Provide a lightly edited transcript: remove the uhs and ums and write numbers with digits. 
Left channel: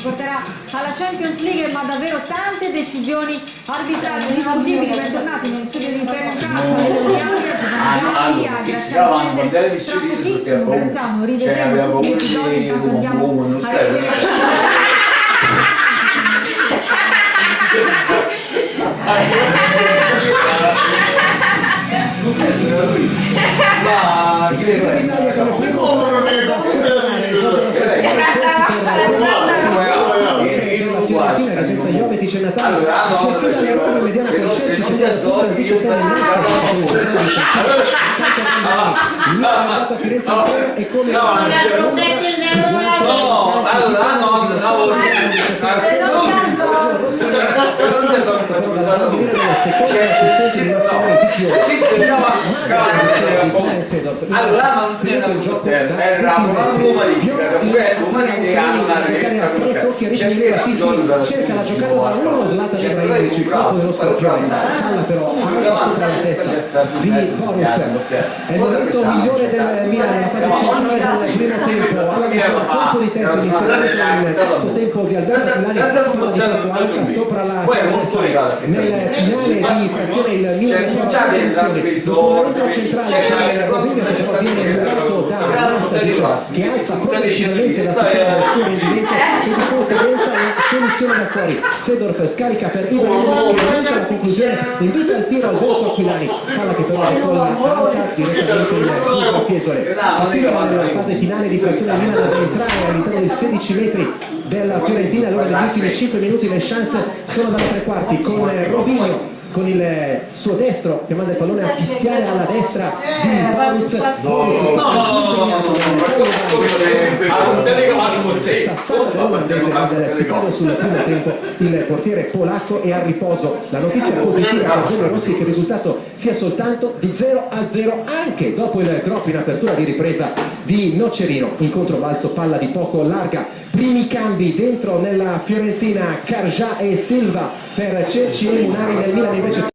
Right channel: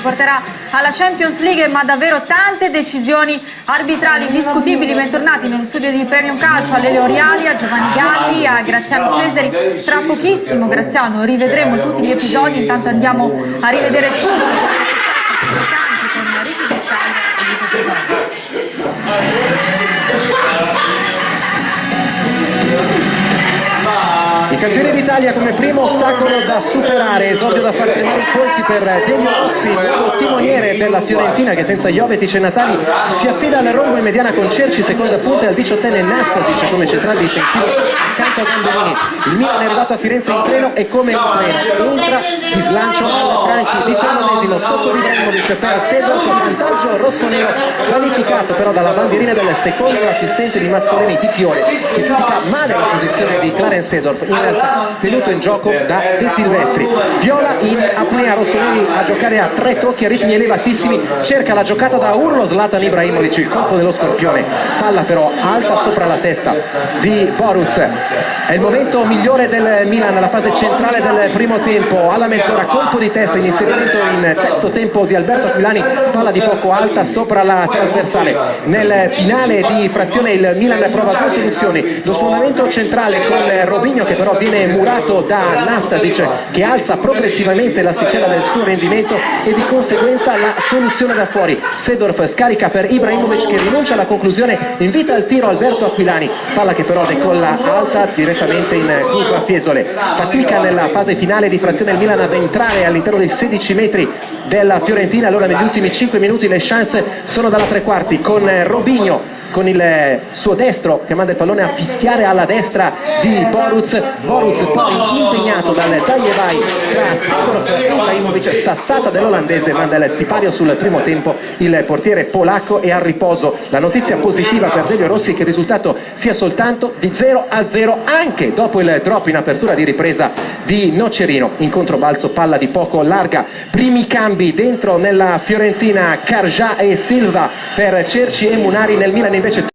porterà alla Champions League, ma davvero tante decisioni arbitrali indiscutibili. Bentornati negli studi di Premium Calcio, alle Leoriali, a Giovanni Galli, a Graziano Cesari. Tra pochissimo, Graziano, rivedremo tutti gli episodi. Intanto andiamo a rivedere il campione d'Italia come primo ostacolo da superare, esordio da Falconeri, corsi per Delio Rossi, il timoniere della Fiorentina che senza Jovetic e Natali si affida alla Roma in mediana con Cerci, seconda punta al 18enne Nastasic come centrale difensivo, accanto a Gamberoni. Il Milan è arrivato a Firenze in treno e come ultra di slancio al 19esimo colpo di Ibrahimovic per Sedorf sul poggio rossonero, qualificato però dalla bandierina del secondo assistente di Mazzoleni Picchione, magra la posizione di Clarence Sedorf, in realtà tenuto in gioco da De Silvestri. Viola in apnea Rossoneri a giocare a 3 tocchi a ritmi elevatissimi, cerca la giocata da urlo Zlatan Ibrahimovic, il colpo dello scorpione, palla però alta sopra la testa di Boruc. È il momento migliore del Milan nella fase centrale del primo tempo, alla mezz'ora colpo di testa in inserimento in terzo tempo di Alberto Aquilani, palla di poco alta sopra la trasversale. Nel finale di frazione il Milan prova 2 soluzioni, lo sfondamento centrale con Robinho che però viene murato da Nastasic che alza progressivamente l'asticella del suo rendimento e di conseguenza la soluzione da fuori. Sedorf scarica per Ibrahimovic che rinuncia alla conclusione, invita al tiro Alberto Aquilani, palla che però decolla alta direttamente in curva Fiesole. Fatica nella fase finale di frazione il Milan ad entrare all'interno dei 16 metri della Fiorentina. Allora negli ultimi 5 minuti le chance sono dalla tre quarti con Robinho con il suo destro che manda il pallone a fischiare alla destra di Boruc impegnato dal taglievai sassata dell'olandese, ma del sipario sul primo tempo il portiere polacco è al riposo. La notizia positiva per Delio Rossi è che il risultato sia soltanto di 0-0 anche dopo il drop in apertura di ripresa di Nocerino. In controbalzo palla di poco larga, primi cambi dentro nella Fiorentina, Carja e Silva per Cerci e Munari. Nel Milan invece